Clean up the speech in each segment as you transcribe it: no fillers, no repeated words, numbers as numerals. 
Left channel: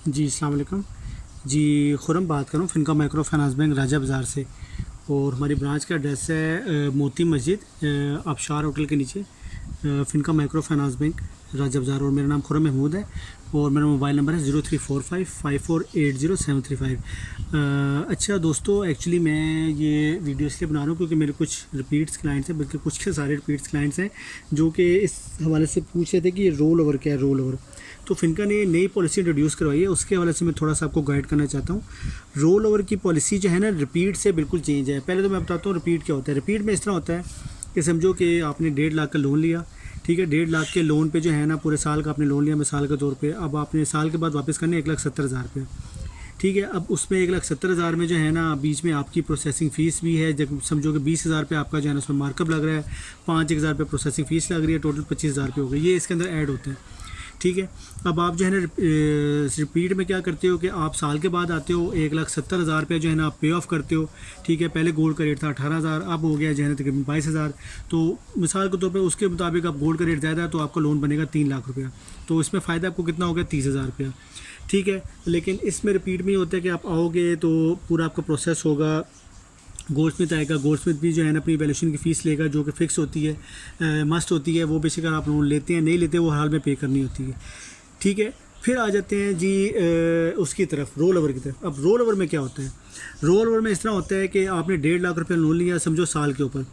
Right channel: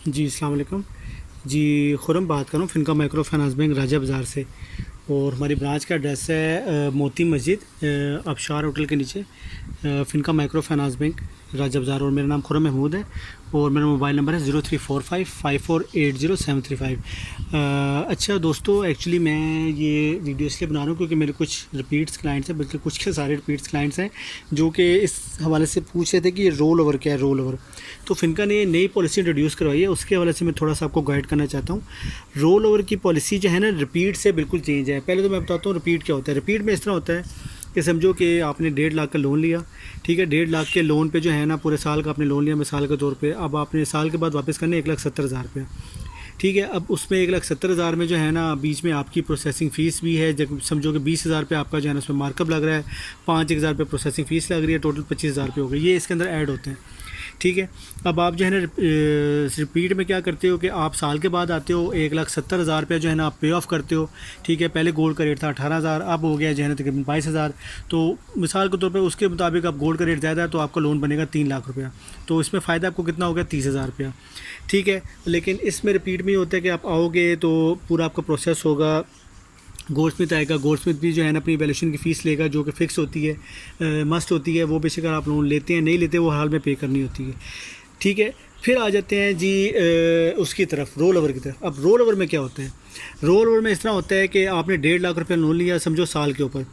जी, अस्सलाम वालेकुम। जी, खुरम बात कर रहा हूँ फ़िनका माइक्रो फाइनेंस बैंक राजा बाज़ार से। और हमारी ब्रांच का एड्रेस है मोती मस्जिद आबशार होटल के नीचे, फ़िनका माइक्रो फाइनेंस बैंक राजा बाज़ार। और मेरा नाम खुरम महमूद है और मेरा मोबाइल नंबर है 03455480-735। अच्छा दोस्तों, एक्चुअली मैं ये वीडियो इसलिए बना रहा हूँ क्योंकि मेरे कुछ रिपीट्स क्लाइंट्स हैं, बल्कि कुछ के सारे रिपीट्स क्लाइंट्स हैं जो कि इस हवाले से पूछ रहे थे कि ये रोल ओवर क्या है, रोल ओवर। तो फ़िनका ने नई पॉलिसी इंट्रोड्यूस करवाई है, उसके हवाले से मैं थोड़ा सा आपको गाइड करना चाहता हूँ। रोल ओवर की पॉलिसी जो है ना, रिपीट से बिल्कुल चेंज है। पहले तो मैं बताता हूँ रिपीट क्या होता है। रिपीट में इस तरह होता है कि समझो कि आपने 1.5 लाख का लोन लिया, ठीक है। 1.5 लाख के लोन पे जो है ना, पूरे साल का आपने लोन लिया मिसाल के तौर पे। अब आपने साल के बाद वापस करने 1,70,000 रुपये, ठीक है। अब उसमें 1,70,000 में जो है ना, बीच में आपकी प्रोसेसिंग फ़ीस भी है। जब समझो कि 20,000 रुपये आपका जो है ना उसमें मार्कअप लग रहा है, 5,000 रुपये प्रोसेसिंग फ़ीस लग रही है, टोटल 25,000 रुपये हो गए। ये इसके अंदर ऐड होते हैं, ठीक है। अब आप जो है ना रिपीट में क्या करते हो कि आप साल के बाद आते हो, 1,70,000 रुपये जो है ना आप पे ऑफ करते हो, ठीक है। पहले गोल्ड का रेट था 18,000, अब हो गया जो है ना तकरीबन 22,000। तो मिसाल के तौर पे उसके मुताबिक अब गोल्ड का रेट ज़्यादा है तो आपका लोन बनेगा 3 लाख रुपया। तो इसमें फ़ायदा आपको कितना हो गया, 30,000 रुपया, ठीक है। लेकिन इसमें रिपीट में होता है कि आप आओगे तो पूरा आपका प्रोसेस होगा, गोल्डस्मिथ आएगा, गोल्डस्मिथ भी जो है ना अपनी वैल्यूएशन की फ़ीस लेगा जो कि फ़िक्स होती है, मस्ट होती है। वो बेशक अगर आप लोन लेते हैं नहीं लेते वो हाल में पे करनी होती है, ठीक है। फिर आ जाते हैं जी उसकी तरफ, रोल ओवर की तरफ। अब रोल ओवर में क्या होता है, रोल ओवर में इस तरह होता है कि आपने 1.5 लाख रुपये लोन लिया समझो साल के ऊपर,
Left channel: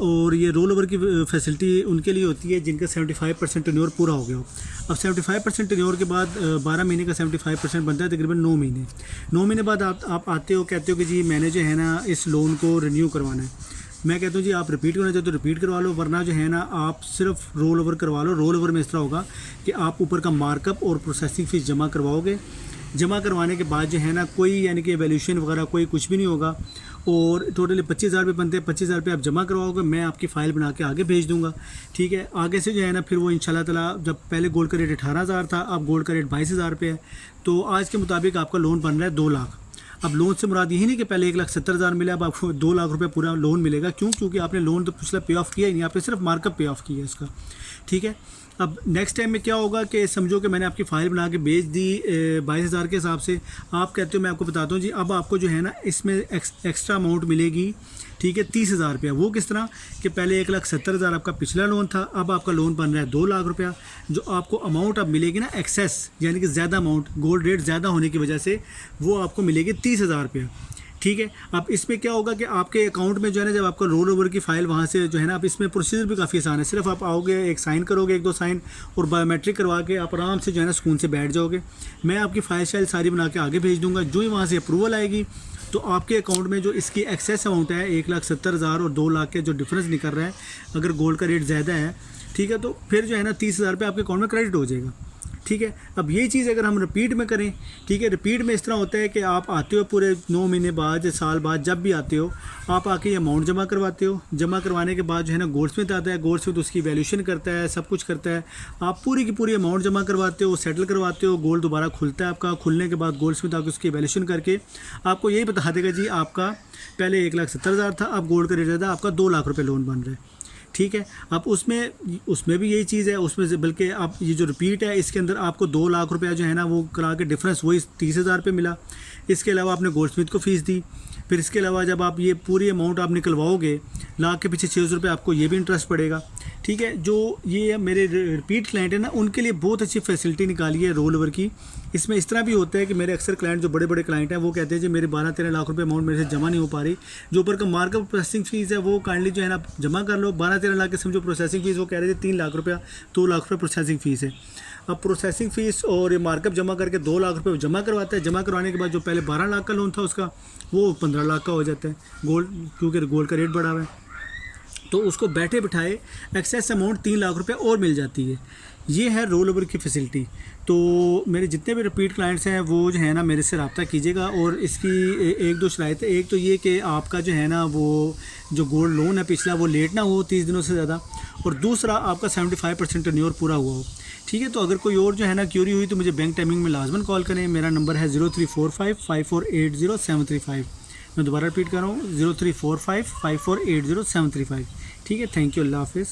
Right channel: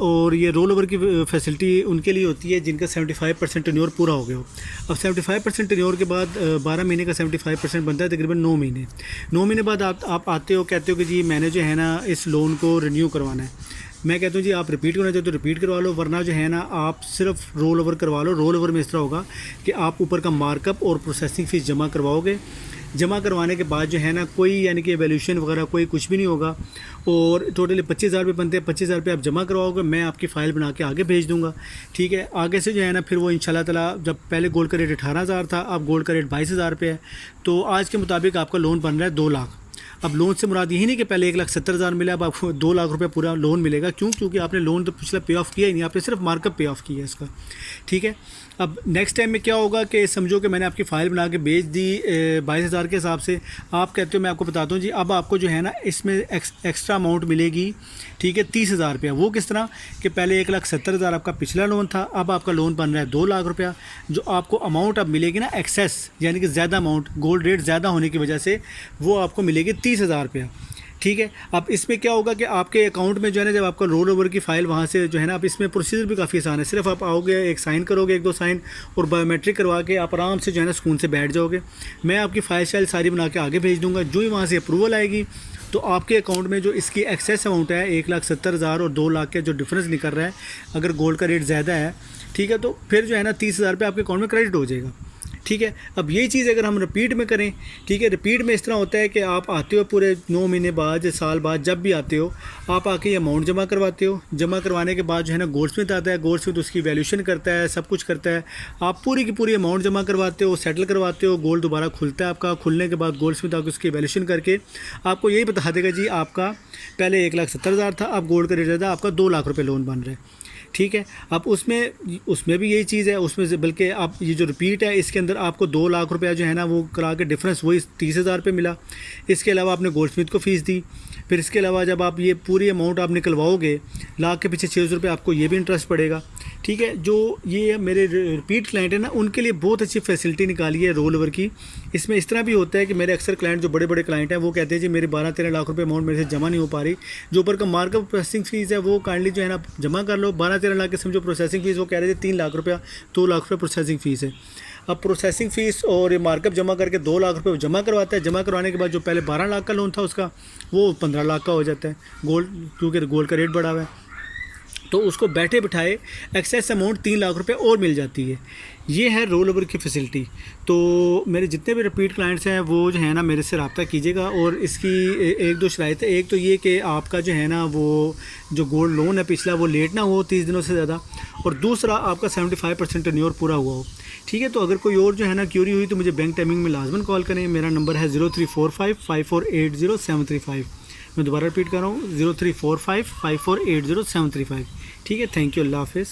और ये रोल ओवर की फैसिलिटी उनके लिए होती है जिनका 75% टेन्योर पूरा हो गया हो। अब 75% टेन्योर के बाद 12 महीने का 75% बनता है तकरीबन 9 महीने। 9 महीने बाद आप आते हो, कहते हो कि जी मैंने जो है ना इस लोन को रिन्यू करवाना है। मैं कहता हूँ जी आप रिपीट करना चाहते हो तो रिपीट करवा लो, वरना जो है ना आप सिर्फ रोल ओवर करवा लो। रोल ओवर में इस तरह होगा कि आप ऊपर का मार्कअप और प्रोसेसिंग फ़ीस जमा करवाओगे। जमा करवाने के बाद जो है ना कोई यानी कि वैल्यूएशन वगैरह कोई कुछ भी नहीं होगा, और टोटली 25,000 रुपये बनते हैं। 25,000 रुपये आप जमा करवाओगे, मैं आपकी फ़ाइल बना के आगे भेज दूँगा, ठीक है। आगे से जो है ना फिर वो इंशाल्लाह ताला, जब पहले गोल्ड का रेट 18,000 था, अब गोल्ड का रेट 22,000 रुपये है, तो आज के मुताबिक आपका लोन बन रहा है 2 लाख। अब लोन से मुराद यही नहीं कि पहले 1,70,000 मिला, अब आपको 2 लाख रुपये पूरा लोन मिलेगा। क्यों? क्योंकि आपने लोन तो पिछला पे ऑफ किया ही नहीं, आपने सिर्फ मार्कअप पे ऑफ किया है इसका, ठीक है। अब नेक्स्ट टाइम में क्या होगा कि समझो कि मैंने आपकी फ़ाइल बना के भेज दी 22,000 के हिसाब से, आप कहते हो मैं आपको बताता हूँ जी, अब आपको जो है ना इसमें एक्स्ट्रा अमाउंट मिलेगी, ठीक है, 30,000 रुपया। वो किस तरह कि पहले 1,70,000 आपका पिछला लोन था, अब आपका लोन बन रहा है 2 लाख रुपया। जो आपको अमाउंट अब मिलेगी ना एक्सेस, यानी कि ज़्यादा अमाउंट, गोल्ड रेट ज़्यादा होने की वजह से वो आपको मिलेगी 30,000 रुपया, ठीक है। अब इसमें क्या होगा कि आपके अकाउंट में जो है ना, जब आपका रोल ओवर की फ़ाइल वहाँ से जो है ना, आप इसमें प्रोसीजर भी काफ़ी आसान है। सिर्फ आप आओगे, एक साइन करोगे, 1-2 साइन, और बायोमेट्रिक करवा के आप आराम से जो है ना सुकून से बैठ जाओगे। मैं आपकी फ़ाइल शाइल सारी बना के आगे भेज दूँगा। जो ही वहाँ से अप्रूवल आएगी तो आपके अकाउंट में जो इसकी एक्सेस अमाउंट है 1,70,000 और 2 लाख के जो डिफरेंस निकल रहा है, अगर गोल्ड का रेट ज़्यादा है, ठीक है, तो फिर जो है ना 30,000 रुपये आपके अकाउंट में क्रेडिट हो जाएगा, ठीक है। अब यही चीज़ अगर हम रिपीट में करें, ठीक है, रिपीट में इस तरह होता है कि आप आते हो पूरे 9 महीने बाद, साल बाद, जब भी आते हो आप आके ये अमाउंट जमा करवाते हो। जमा करवाने के बाद जो है ना गोल्डस्मिथ आता है, गोल्डस्मिथ उसकी वैल्यूएशन करता है, सब कुछ करता है। आप पूरी की पूरी अमाउंट जमा करवाते हो, सेटल करवाते हो, गोल्ड दोबारा खुलता है आपका। खुलने के बाद गोल्डस्मिथ आके उसकी वैल्यूएशन करके आपको यही बता देगा जी आपका पहले 1,70,000 था, अब गोल्ड का रेट ज़्यादा, आपका 2 लाख रुपये लोन बन रहा है, ठीक है। अब उसमें भी यही चीज़ है, उसमें से बल्कि आप ये जो रिपीट है इसके अंदर आपको 2 लाख रुपया जो है ना वो करा के डिफरेंस वही 30,000 रुपये मिला। इसके अलावा आपने गोल्डस्मिथ को फ़ीस दी। फिर इसके अलावा जब आप ये पूरी अमाउंट आप निकलवाओगे, लाख के पीछे 600 रुपये आपको ये भी इंटरेस्ट पड़ेगा, ठीक है। जो ये मेरे रिपीट क्लाइंट है ना, उनके लिए बहुत अच्छी फैसिलिटी निकाली है रोल ओवर की। इसमें इस तरह भी होता है कि मेरे अक्सर क्लाइंट जो बड़े बड़े क्लाइंट हैं वो कहते हैं जी मेरे 12-13 लाख रुपए अमाउंट मेरे से जमा नहीं हो पा रही, जो ऊपर का मार्कअप प्रोसेसिंग फ़ीस है वो काइंडली जो है ना जमा कर लो। 12-13 लाख के समझो प्रोसेसिंग फ़ीस, वो कह रहे थे 3 लाख रुपया, 2 लाख रुपये प्रोसेसिंग फ़ीस है। अब प्रोसेसिंग फ़ीस और ये मार्कअप जमा करके 2 लाख रुपये जमा करवाता है। जमा करवाने के बाद जो पहले 12 लाख का लोन था उसका, वो 15 लाख का हो जाता है, गोल्ड, क्योंकि गोल्ड का रेट बढ़ा हुआ है। तो उसको बैठे बिठाए एक्सेस अमाउंट 3 लाख रुपए और मिल जाती है। ये है रोल ओवर की फैसिलिटी। तो मेरे जितने भी रिपीट क्लाइंट्स हैं वो जो है ना मेरे से रब्ता कीजिएगा। और इसकी 1-2 शराइत है। एक तो ये कि आपका जो है ना वो जो गोल्ड लोन है पिछला वो लेट ना हो 30 दिनों से ज़्यादा, और दूसरा आपका 75% टेन्योर पूरा हुआ हो, ठीक है। तो अगर कोई और जो है ना क्यूरी हुई तो मुझे बैंक टाइमिंग में लाजमन कॉल करें। मेरा नंबर है 03455480-735। मैं दोबारा रिपीट कर रहा हूँ, 03455480-735, ठीक है। थैंक यू, अल्लाह हाफ़िज़।